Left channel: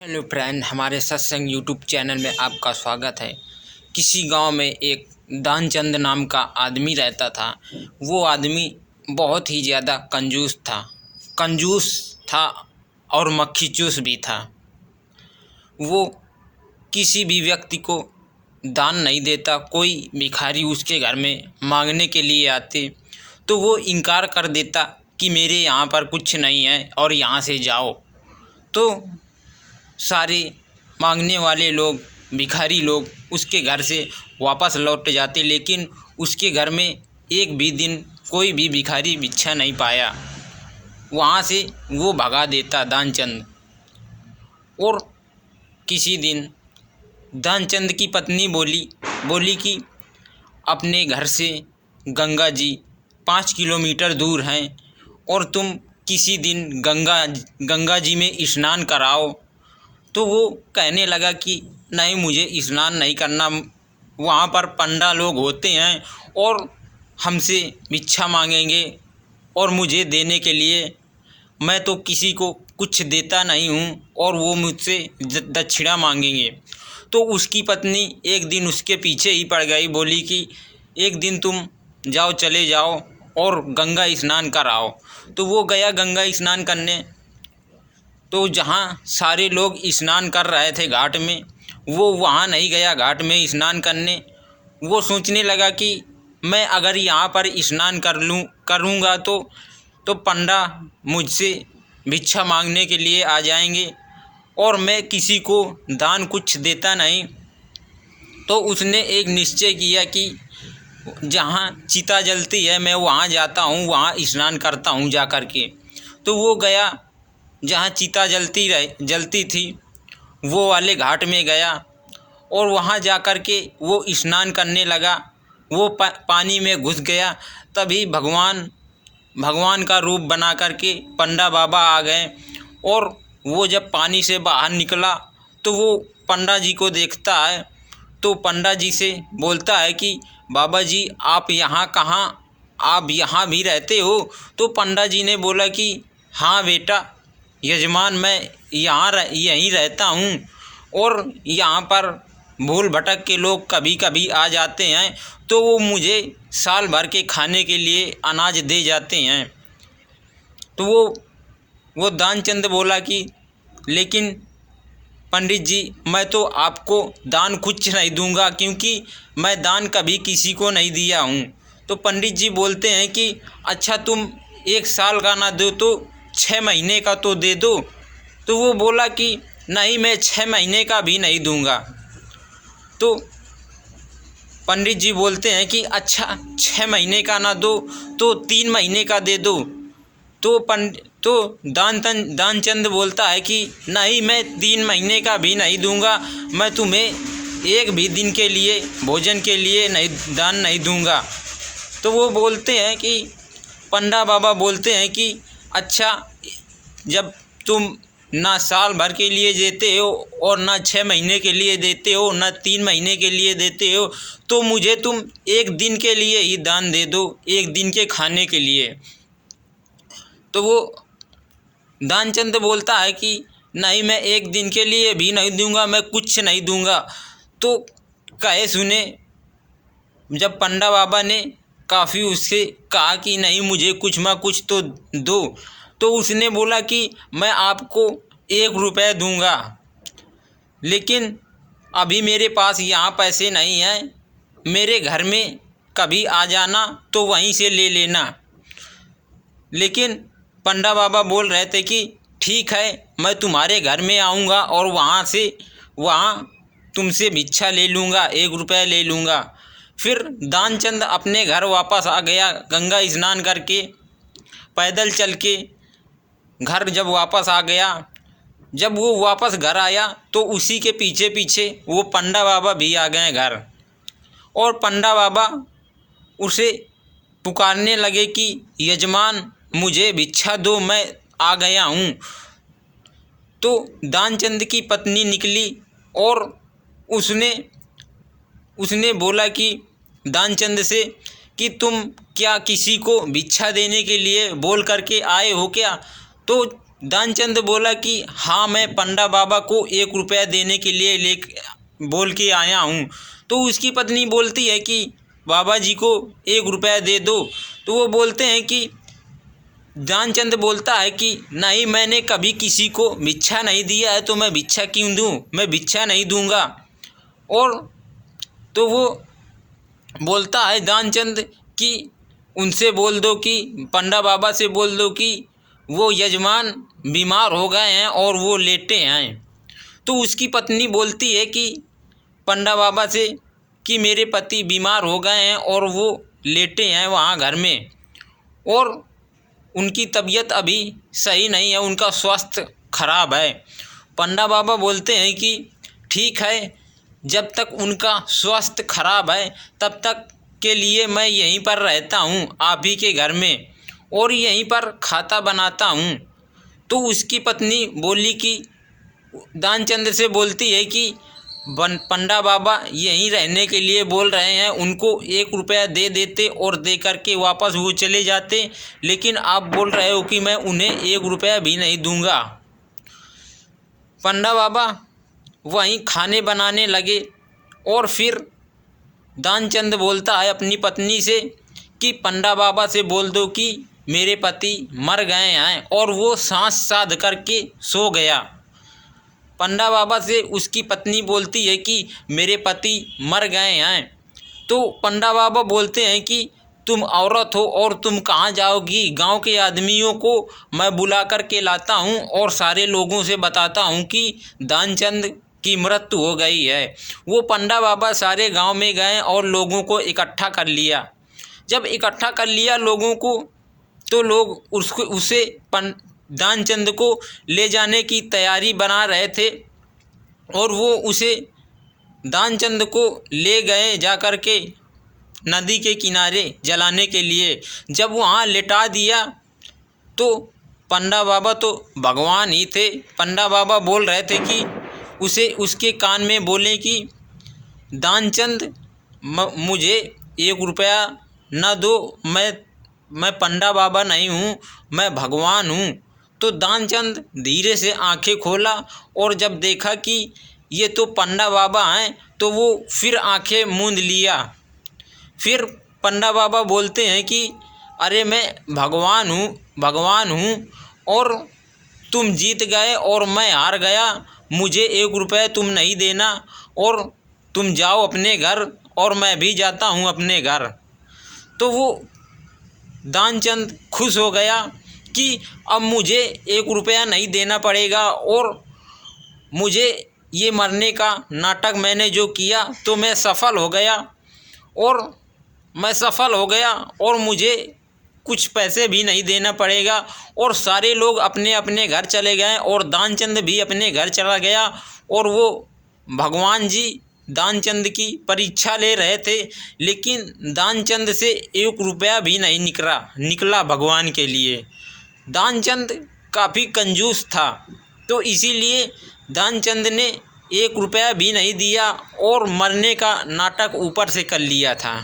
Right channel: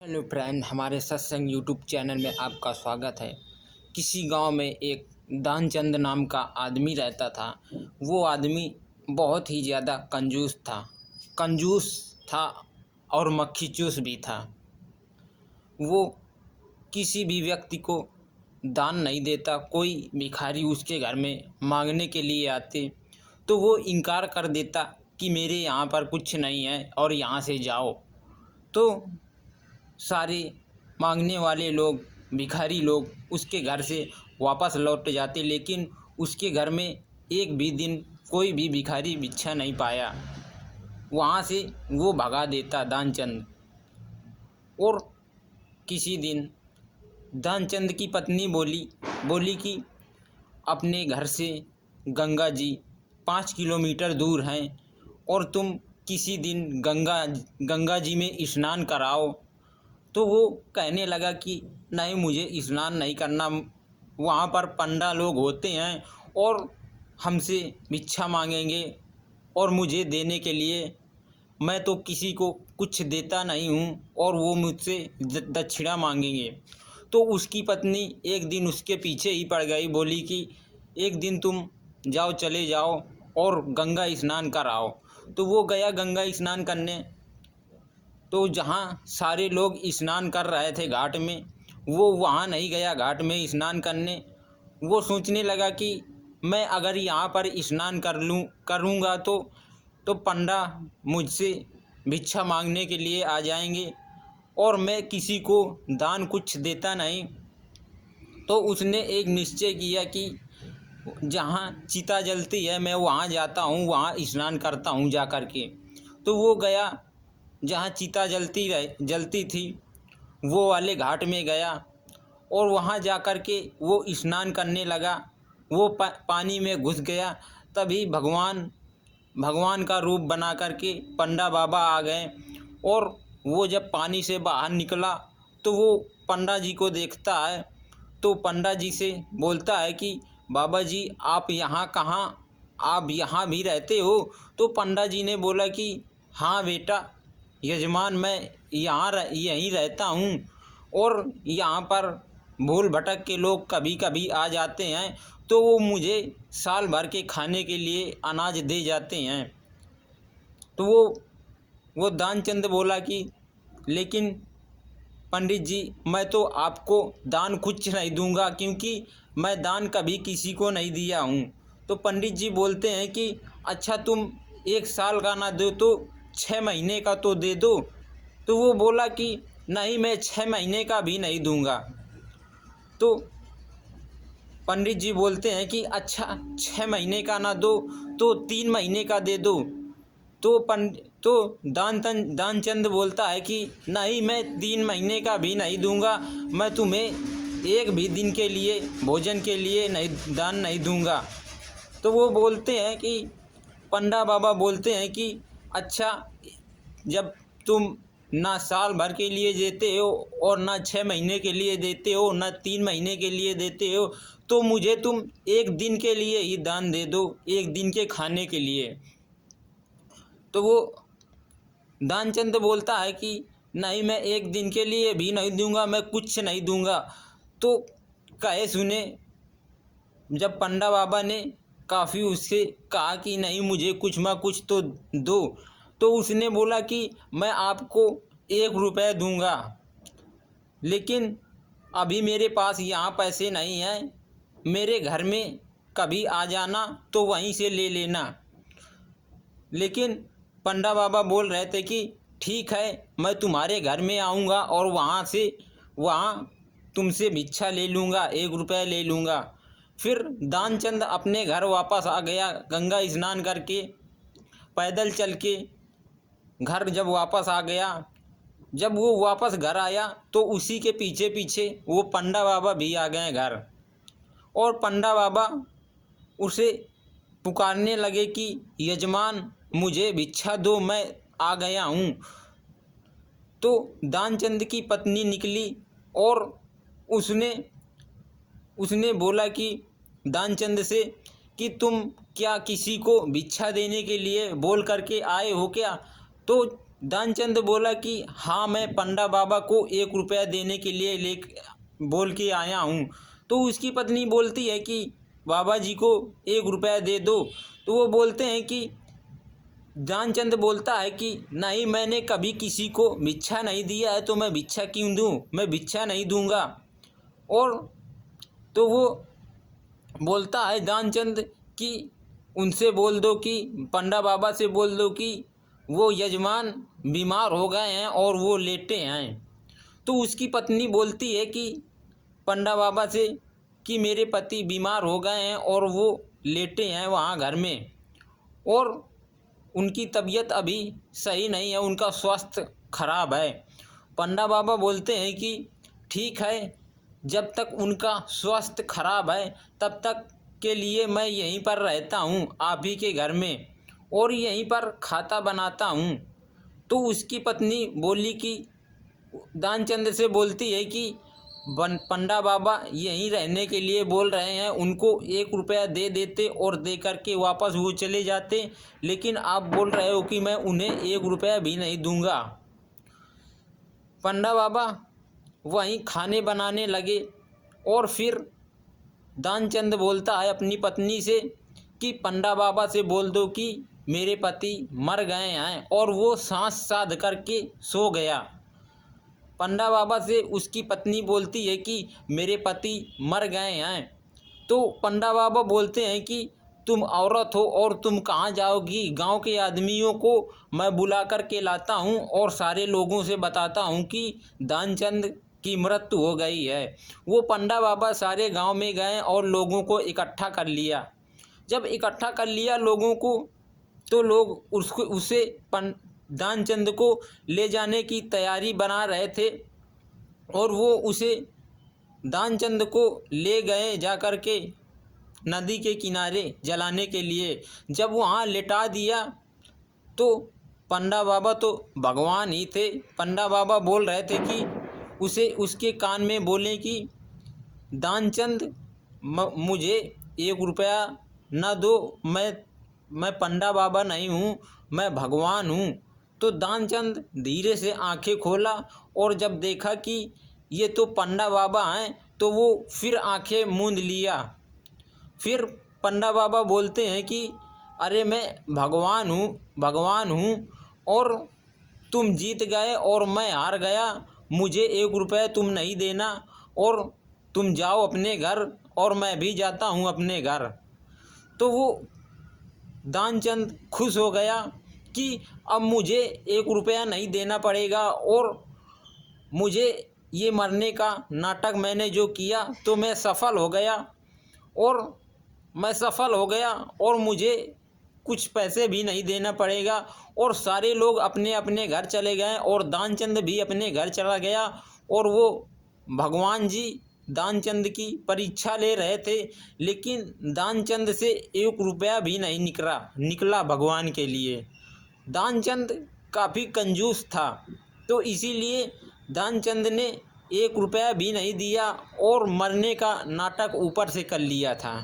Hello friend, हमारे सत्संग YouTube channel में आपका स्वागत है। किसी गांव में एक दानचंद नाम का आदमी रहता था। वो आदमी बहुत ही ज़्यादा कंजूस था और मक्खी चूस भी था। वो किसी भी व्यक्ति को दान नहीं देता। कोई भिखारी उसके घर में मांगने के लिए आते तो वो इनकार कर देता कि मेरे यहाँ पर कुछ नहीं है और यहाँ से जाओ। तो सारे मांगने वाले लोग, भिखारी लोग उसके घर से वापस लौट जाते, लेकिन उसके घर में एक भी दिन कोई भी भिखारी भिक्षा नहीं पाया। वहाँ से वो भगा देता दानचंद। और किसी दिन दानचंद की पत्नी बोली कि अपने घर से गंगा जी 5 किलोमीटर दूर हैं और तुम किसी दिन गंगा जी में स्नान कराओ। तो वो कहने लगा कि नहीं, मुझे स्नान नहीं करना। वहाँ पर पंडा लोग होते हैं और हमसे भिक्षा मांगेंगे और मुझे देने के लिए मैं तो किसी को कुछ देता नहीं हूँ और वो मुझसे दक्षिणा मांगेंगे। तो उसकी पत्नी एक दिन उसके पीछे ही पड़ गई, बोली कि एक दिन तुम चले जाओ और गंगा स्नान कराओ। तो वो गया गंगा स्नान करने। तो जहाँ सारे लोग स्नान कर रहे थे घाट में, वो वहाँ नहीं गया घाट में स्नान करने। वो सोचने लगा कि मैं अगर यहाँ पर स्नान करूँगा तो पंडा मुझसे भिक्षा मांगने के लिए आ जाएंगे और मैं किसी को दान कुछ देता नहीं। तो उसने एक निश्चय किया कि जहाँ चिता जलती है मैं वहाँ जाता हूँ, वहाँ स्नान करता हूँ जा कर के। तो वो गया जहाँ चिता जलती थी, वो वाले घाट में गया और वहाँ जा कर के वो स्नान करने लगा। वो पानी में घुस गया। तभी भगवान का रूप बना कर के पंडा बाबा आ गए। और वो जब पानी से बाहर निकला तो वो पंडा जी को देखता है। तो पंडा जी से बोलता है कि बाबा जी, आप यहाँ कहाँ, आप यहाँ भी रहते हो? तो पंडा जी ने बोला कि हाँ बेटा यजमान, मैं यहीं रहता हूँ और यहाँ पर भूल भटक के लोग कभी कभी आ जाते हैं तो वो मुझे साल भर के खाने के लिए अनाज दे जाते हैं। तो वो दानचंद बोला कि लेकिन पंडित जी, मैं तो आपको दान कुछ नहीं दूंगा, क्योंकि मैं दान कभी किसी को नहीं दिया हूँ। तो पंडित जी बोलते हैं कि अच्छा, तुम 1 साल का ना दो तो 6 महीने का तो दे दो। तो वो बोला कि नहीं, मैं 6 महीने का भी नहीं दूंगा। तो पंडित जी बोलते हैं कि अच्छा, 6 महीने का ना दो तो 3 महीने का दे दो। तो दानचंद बोलता है कि नहीं, मैं 3 महीने का भी नहीं दूंगा, मैं तुम्हें एक भी दिन के लिए भोजन के लिए दान नहीं दूंगा। तो वो बोलते हैं कि पंडा बाबा बोलते हैं कि अच्छा, जब तुम ना साल भर के लिए देते हो और ना 6 महीने के लिए देते हो, ना 3 महीने के लिए देते हो, तो मुझे तुम एक दिन के लिए ही दान दे दो, एक दिन के खाने के लिए। तो वो दानचंद बोलता है कि नहीं, मैं एक दिन के लिए भी नहीं दूंगा, मैं कुछ नहीं दूंगा। तो कहे सुने, जब पंडा बाबा ने काफ़ी उससे कहा कि नहीं, मुझे कुछ ना कुछ तो दो, तो उसने बोला कि मैं आपको 1 रुपये दूंगा, लेकिन अभी मेरे पास यहाँ पैसे नहीं हैं। मेरे घर में कभी आ जाना तो वहीं से ले लेना। लेकिन पंडा बाबा बोल रहे थे कि ठीक है, मैं तुम्हारे घर में आऊँगा और वहाँ तुमसे भिक्षा ले लूँगा, 1 रुपया ले लूँगा। फिर दानचंद अपने घर वापस आ गया गंगा स्नान करके, पैदल चल के घर जब वापस आ गया। जब वो वापस घर आया तो उसी के पीछे पीछे वो पंडा बाबा भी आ गए घर। और पंडा बाबा उसे पुकारने लगे कि यजमान, मुझे भिक्षा दो, मैं आ गया हूँ। तो दानचंद की पत्नी निकली और उसने बोला कि दानचंद से कि तुम क्या किसी को भिक्षा देने के लिए बोल करके आए हो क्या? तो दानचंद बोला कि हाँ, मैं पंडा बाबा को 1 रुपया देने के लिए बोल के आया हूँ। तो उसकी पत्नी बोलती है कि बाबा जी को 1 रुपया दे दो। तो वो बोलते हैं कि दानचंद बोलता है कि नहीं, मैंने कभी किसी को भिक्षा नहीं दिया है, तो मैं भिक्षा क्यों दूँ, मैं भिक्षा नहीं दूंगा। और तो वो बोलता है दानचंद कि उनसे बोल दो कि पंडा बाबा से बोल दो कि वो यजमान बीमार हो गए हैं और वो लेटे हैं। तो उसकी पत्नी बोलती है कि पंडा बाबा से कि मेरे पति बीमार हो गए हैं और वो लेटे हैं वहाँ घर में, और उनकी तबीयत अभी सही नहीं है, उनका स्वास्थ्य खराब है। पंडा बाबा बोलते हैं कि ठीक है, जब तक उनका स्वास्थ्य खराब है तब तक के लिए मैं यहीं पर रहता हूँ आप ही के घर में, और यहीं पर खाता बनाता हूँ। तो उसकी पत्नी बोली कि दानचंद से बोलती है कि पंडा बाबा यहीं रहने के लिए बोल रहे हैं, उनको 1 रुपया दे देते और दे करके वापस वो चले जाते, लेकिन आप बोल रहे हो कि मैं उन्हें 1 रुपया भी नहीं दूंगा। पंडा बाबा वहीं खाने बनाने लगे, और फिर दानचंद बोलता है अपनी पत्नी से कि पंडा बाबा से बोल दो कि मेरे पति मर गए हैं, और वो सांस साध करके सो गया। पंडा बाबा से उसकी पत्नी बोलती है कि मेरे पति मर गए हैं। तो पंडा बाबा बोलते हैं कि तुम औरत हो और तुम कहाँ जाओगी, गांव के आदमियों को मैं बुला कर के लाता हूँ और सारे लोगों से बताता हूँ कि दानचंद की मृत्यु हो गई है। वो पंडा बाबा सारे गांव में गए और लोगों को इकट्ठा कर लिया। जब इकट्ठा कर लिया लोगों को, तो लोग उसे दानचंद को ले जाने की तैयारी बना रहे थे, और वो उसे दानचंद को ले गए जाकर के नदी के किनारे जलाने के लिए। जब वहाँ लिटा दिया तो पंडा बाबा तो भगवान ही थे। पंडा बाबा बोल रहे थे कि उसे उसके कान में बोले कि दानचंद मुझे 1 रुपया न दो, मैं पंडा बाबा नहीं हूँ, मैं भगवान हूँ। तो दानचंद धीरे से आंखें खोला, और जब देखा कि ये तो पंडा बाबा हैं तो वो फिर आंखें मूंद लिया। फिर पंडा बाबा बोलते हैं कि अरे मैं भगवान हूँ और तुम जीत गए और मैं हार गया, मुझे 1 रुपया तुम नहीं देना, और तुम जाओ अपने घर और मैं भी जाता हूँ अपने घर। तो वो दानचंद खुश हो गया कि अब मुझे 1 रुपया नहीं देना पड़ेगा, और मुझे ये मरने का नाटक मैंने जो किया तो मैं सफल हो गया, और मुझे कुछ पैसे भी नहीं देना पड़ेगा। और सारे लोग अपने अपने घर चले गए, और दानचंद भी अपने घर चला गया, और वो भगवान जी दानचंद की परीक्षा ले रहे थे, लेकिन दानचंद से 1 रुपया भी नहीं निकला भगवान के लिए। दानचंद काफ़ी कंजूस था, तो इसीलिए दानचंद ने 1 रुपया भी नहीं दिया और मरने का नाटक ऊपर से कर लिया था।